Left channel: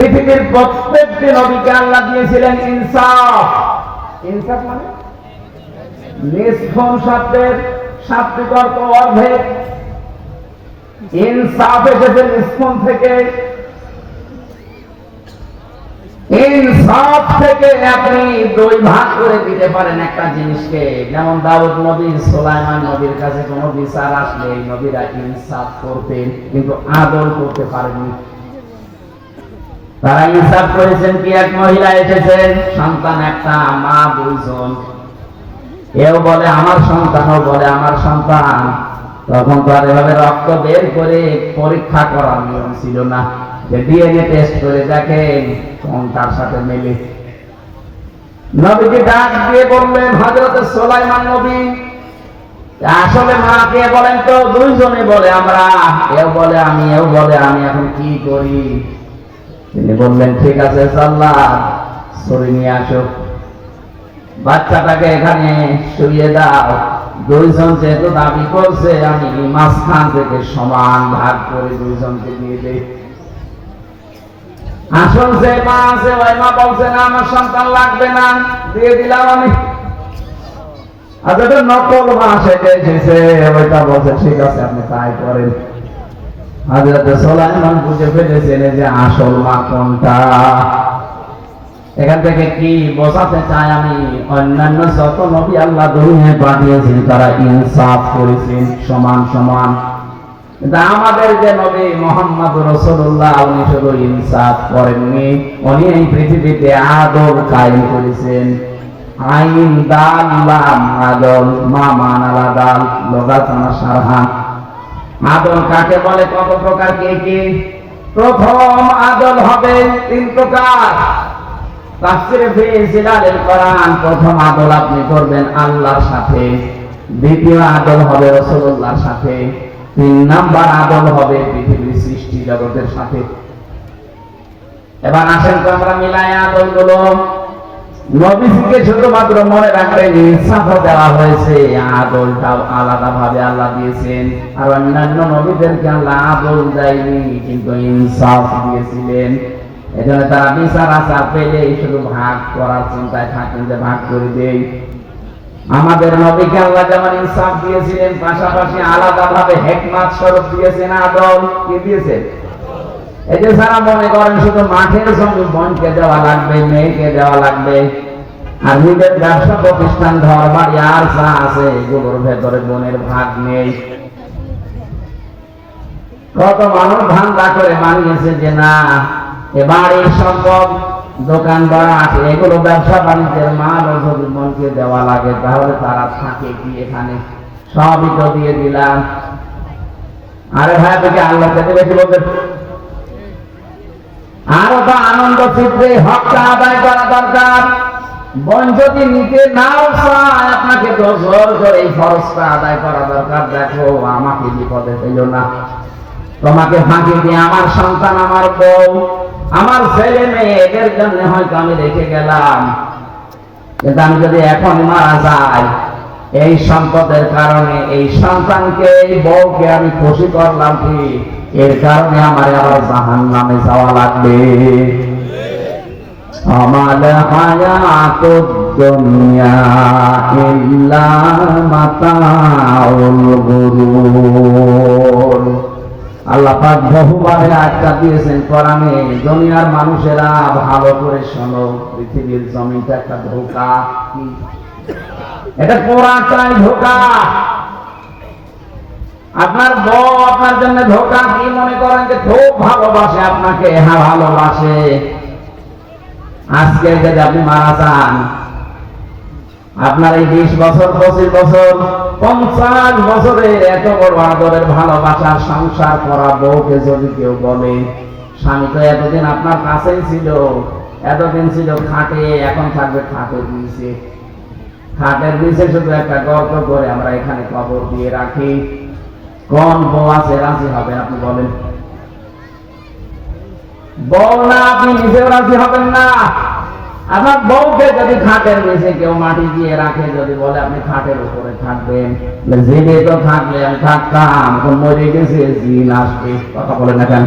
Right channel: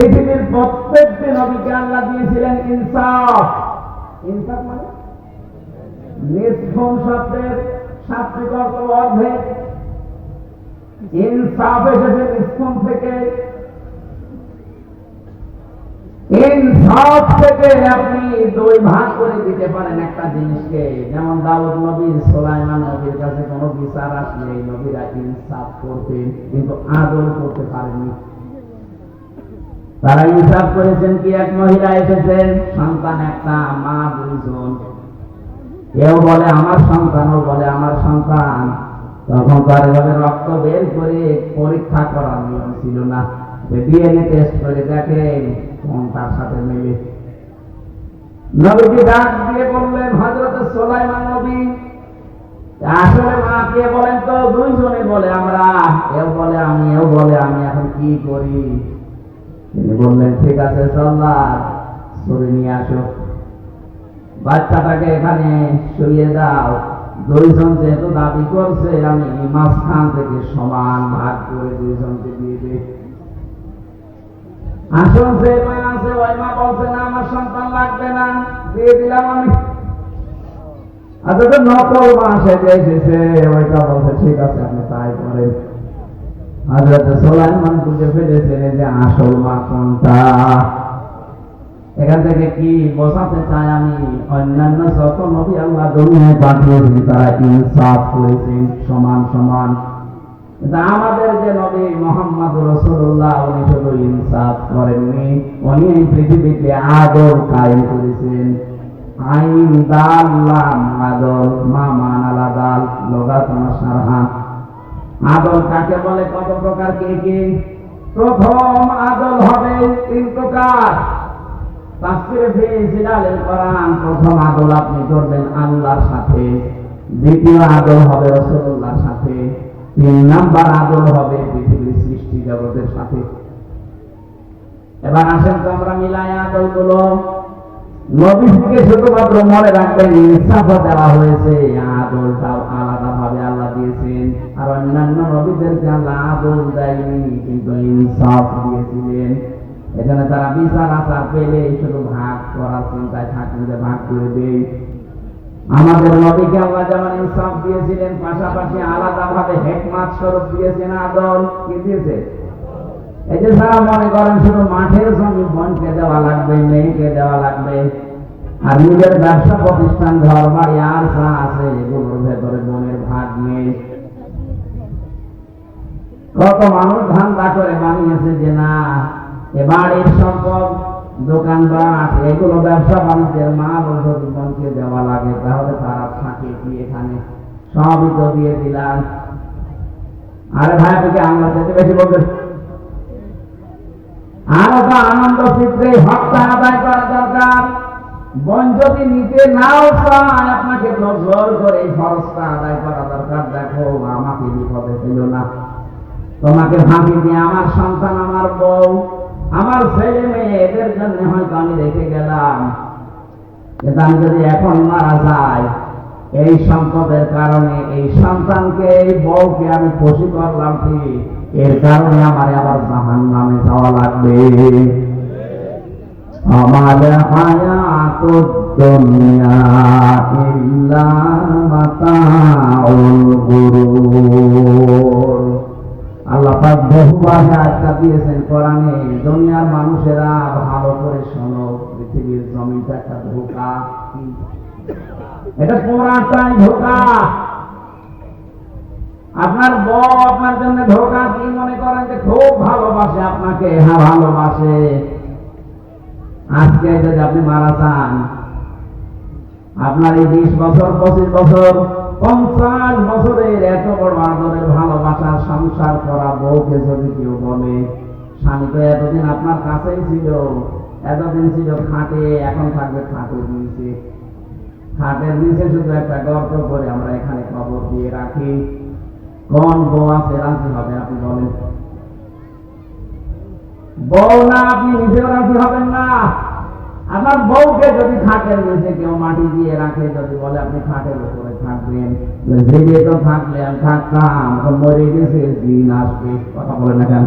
পৃথিবীর প্রত্যেকটি নবীকে আল্লাহ দিয়েছিলেন ইনসাফ। ইনসাফ মানে নিষ্ঠুর শব্দের শাব্দিক অর্থ অর্ধেক। ইনসাফ এসেছে নিষ্ঠুর থেকে। ইনসাফ থেকে আপনি দুই ভাগ করে দিতে পারেন একটা জিনিসকে। যেমন দাউদ নবী, সুলাইমান নবীর কাছে কোনো বিচার আসলে এই নবীরা ইনসাফ করতেন, কিন্তু আদল করতে পারেননি। তারা ইনসাফ করেছেন কি, এক মহিলা এসেছেন, সন্তান একটা, মা দুইজন, কেউ বলে আমার সন্তান, ও বলে আমার সন্তান। তখন তো আর এভাবে রক্ত বের করে পরীক্ষা করার নিয়ম ছিল না, যে ডিএনএ টেস্ট করে দেখেন কোন তার সাথে মেলে। নবীকে ডাক দিয়ে বললেন, হযরত সুলাইমান নবী, আসলে মা কে বলেন তো? দুইজনে বলে আমরা, এও বলে আমি, এও বলে আমি, এখন কি করি? তিনি বললেন, ঠিক আছে সাল্লাহ, ছুরি নিয়ে আসো, বাচ্চাটাকে এখানে শুইয়ে দাও। দুইজন যেহেতু দাবি করছে, আমি মাঝখান থেকে সমান ভাগ করে দুইজনকে দিয়ে দেই। আসল যে মা আছে, ওই মা বলছে না আমার সন্তান লাগবে না, দিয়ে দিলাম আমি। আর যেটা নকল মা সেটা এসেছে, ওইটা বলছে ঠিক আছে আপনি তাই করেন। হযরত সুলাইমান বুঝে ফেলেছেন যে আসল মা কোনটা। এখান থেকে কি বোঝাতে চাই আমি, অন্যান্য যত নবী আল্লাহ দুনিয়ায় পাঠিয়েছেন তারা ইনসাফ করেছেন সমান সমান, কিন্তু আমাদের যে নবী মুহাম্মদ রাসূলুল্লাহ, উনি শুধু ইনসাফ করেননি, উনি এই পৃথিবীতে আদল কায়েম করেছেন। আইন দাল লাম আদল মা মানালা দাল লগাতানা সারহা। আদল কাকে বলে, কত প্রকার, কে কি? প্রথম আদল হবে তিন প্রকার। তাফসীরে ফি জিলালিল কোরআন, প্রথম আদল আপনি করবেন আল্লাহর সাথে, দ্বিতীয় আদল হবে রাসূলুল্লাহর সাথে, তিন নাম্বার আদল হবে পৃথিবীর সৃষ্টি জগতের সাথে। এবার আসেন তো আমরা মিলাই আদলগুলো। নবীকে শুধুমাত্র মনে রাখবেন ইনসাফ দেওয়া হয়েছে, আদলটাও আলাদা ভাবে আল্লাহ দিয়েছেন। আর অন্যান্য নবীদেরকে আল্লাহ আদল দেয়নি, কিন্তু ইনসাফ দিয়েছিলেন। এখানে তারা বিচার আচার পেলে শুধু ভাগ করার চিন্তায় থাকেন, যে ভাগ করে দেই। আমাদের নবীকে আল্লাহ যেমন ইনসাফ দিয়েছিলেন, পাশাপাশি আলাদা ভাবে হিকমত স্বরূপ দিয়েছেন আদল। কি দিয়েছেন? এই যে যারা মনে করেন শুধু মাঠের জমি বোনকে দেওয়া লাগবে, মেয়েকে দেওয়া লাগবে, আর নিজের ব্যবসা প্রতিষ্ঠান ঘর বাড়ি আর যা আছে এগুলোর ভেতরে বোনের ভাগ নেই। কত মানুষ ধান্দা করে মানিয়েছে যে না, এ বাড়ির সম্পদ, দোকানপাট, এগুলো ব্যবসা বাণিজ্যের মাল যদি বোনকে দেওয়া লাগে তাহলে তারা থাকে কি এখানে, সবই তো দিয়ে দিলাম। আরে ভাই, থেকে আল্লাহ থেকে বেশি বলবেন। আরো তো আনন্দ চিত্রে হকটা আদায় করা দরকার। বোন যদি নিতে নাও চায়, আপনাকে তো জোর করে এই ফরজটা আদায় করা দরকার। দেখো আমাকে বিপদে ফেলো না, তোমাকে ফাঁকি দিয়ে আমার সন্তান, আমার বউ, আমার ছেলে মেয়ে, এদের জন্য হয়তো আমি রেখে গেলাম, কিন্তু আমি যদি এখন মারা যাই, এই সম্পদের কারণে এই সন্তানকে, এই বউকে আমি খুশি করলাম কি, এর কারণে আমার আবার জাহান্নামে যাওয়া লাগবে। আমাল হায়াতুদ দুনিয়া ইল্লা মাতাউল গুরুর। আল্লাহ পাক বহুবার আয়াতটা দিয়েছেন কোরআনে, দুনিয়ার মানুষেরা ভালো করে শোনো, পৃথিবীর জমিটা একটা ধোঁকা। এটা কোরআনটাই ধোঁকা। আপনার বউ আপনার জন্য ধোঁকা। কি মনে করেন যে খুব ভালোবাসে আপনাকে? হ্যাঁ ভালোবাসে। আজকে যদি আপনি মারা যান, আপনার এই 20 বছর, 25 বছর, 50 বছরের এত বড় আদরের ভালোবাসার সংসার করা বউকে যদি কেউ বলে, স্বামী তো এতদিন আপনার কাছেই ছিল, এতদিন ছিল খাটে, এখন থাকবে খাটের নিচে। খাটের নিচে শুধু একটা গর্ত করে আমরা এখানে কবর দিয়ে রাখি। কোন বউ আছে রাজি হবেন আপনি বলেন? বউ না, আপনি নিজেও রাজি হবেন না। আপনার বউকে যদি খাটের নিচে কেউ মাটি দিয়ে রাখে, যদি বলে আপনি খাটের উপরে থাকবেন, জেনে তো থাকলে আমি থাকতাম, মরে গেছে, জিন আসবে, কথা বলেন না কেন?